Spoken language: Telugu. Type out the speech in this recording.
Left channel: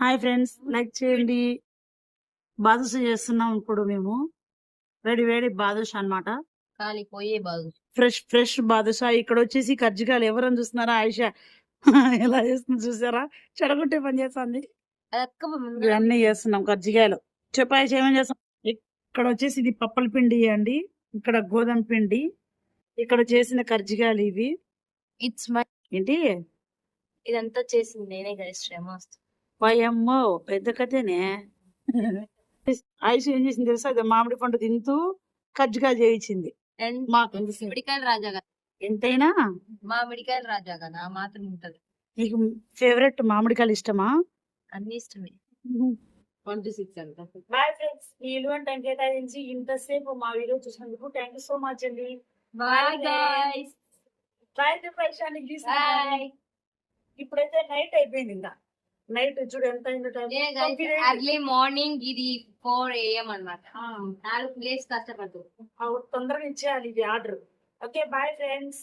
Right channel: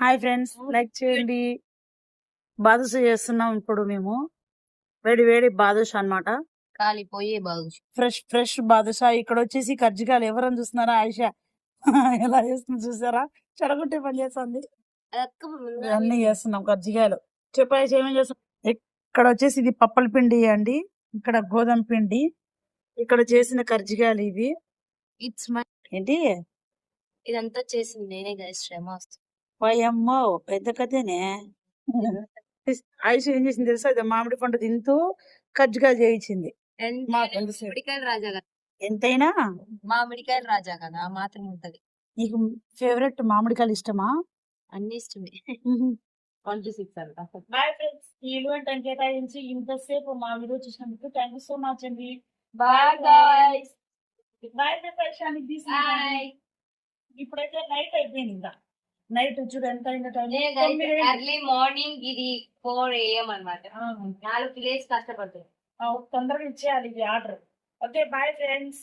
హాయ్ ఫ్రెండ్స్, లైక్ చేయండి. బాదుష చేస్తున్నాం ఇప్పుడు మేము. వేడి వేడి బాదుష అన్నమాట. కాలిపోయే బాదుష. ఫ్రెష్ బాదుష. ఇక్కడ వచ్చేసి కజ్జికాయలు ఎవరని చూస్తున్నారా? ఆయిషా ఎలా చేస్తుంది చూసారా? చెడగొట్టే పని చేస్తుంది. ఇవన్నీ చేస్తున్నాం కజ్జికాయలు. చెప్పు ఆయిషా, ఏమేం చేస్తాం? ఇక్కడ వచ్చేసి ఇది పప్పల పిండి అండి, ఇక్కడ గోధుమ పిండి, ఇక్కడ చేసిన కజ్జికాయలు ఇవి. ఇట్స్ మై ఏంటి ఇదంతా చేసింది నేనే గైస్, శ్రమ వస్తుంది. పయమ్మో పెద్ద కథనే. ఆయుష్ ఏం చేసింది తెలుసా? ఇది మామిడి పండు తింటూ కజ్జికాయలు చేయించింది. మాకు తెలుసు. మామిడికాయలు రాజా కదా, ఎంతైనా మామిడికాయలు రాజా కదా, ఆ మాత్రం ఉంటది. నీకు ఫేవరెట్ మామిడికాయలు ఇష్టమా? అన్ని ఇష్టమే. 26 అంట. బాయ్ ఫ్రెండ్స్, ఈ విలువైన టైం కేటాయించి ఇంతసేపు మా వీడియో చూసినందుకు థ్యాంక్ యూ సో మచ్ అండి. Bye guys. బాయ్ పరిశానికి బాయ్. ఇప్పుడైతే నైట్ అయిపోయింది. ఇంకా నైట్ చూడు ఎంత అయిందో టైం. ఎర్లీ మార్నింగ్ ఇది 4 AM అన్నమాట. 4 లేసి కష్టపడుతుంది. తొందరగా ఇచ్చేయాలి ఇది ఆర్డర్. Okay bye friends.